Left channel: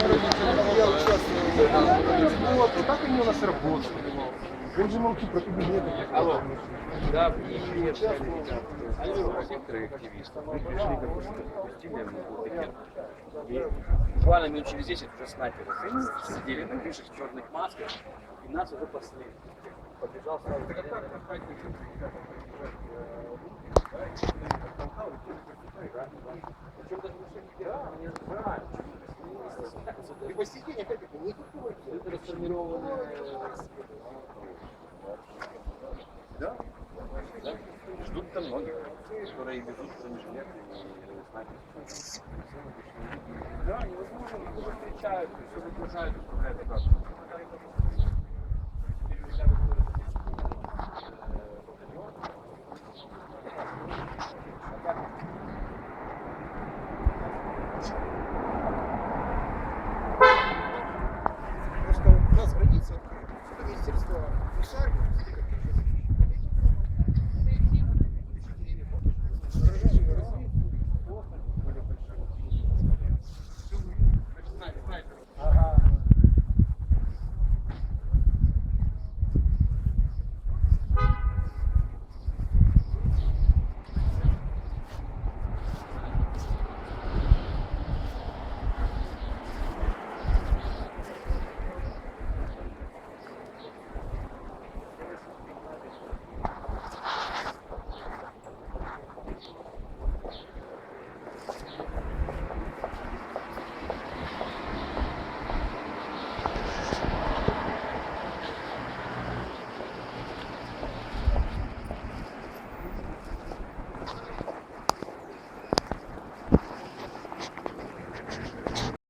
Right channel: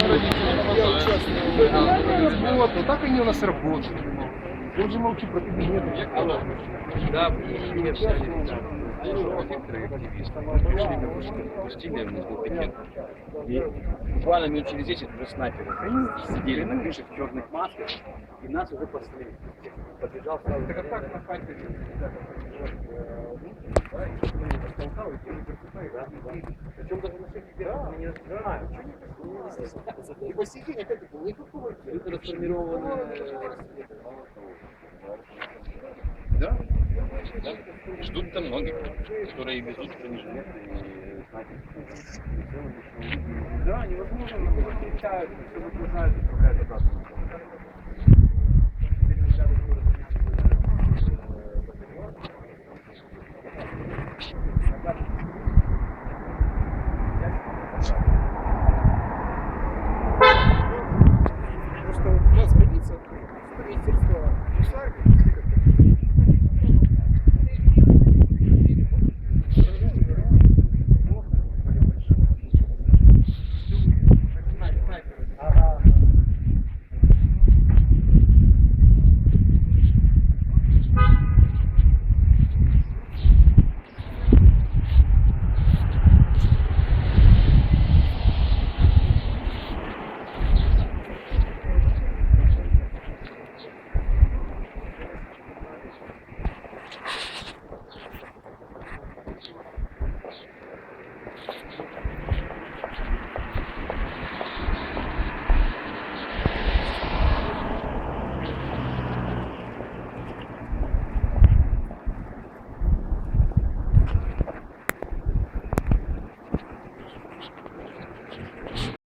Я участвую в работу, так они у нас работают. Он же молчит про кабинеты. Алло. Да, Не участвовал. некоторые активисты пришли как бы, что пустили в пикет. И буквально минут через 10 уже снайперы сидели на крышах в черных масках, и нас уже пасли. Подбежал сразу. Причем не И сей день опять-таки никакого Это расформированные... Да. да. Ждут там многих, которые везут бронежилеты и снайперские. Да, невозможно, их уже встречают, все выгружают, отправляют обратно. Kuşlar mı?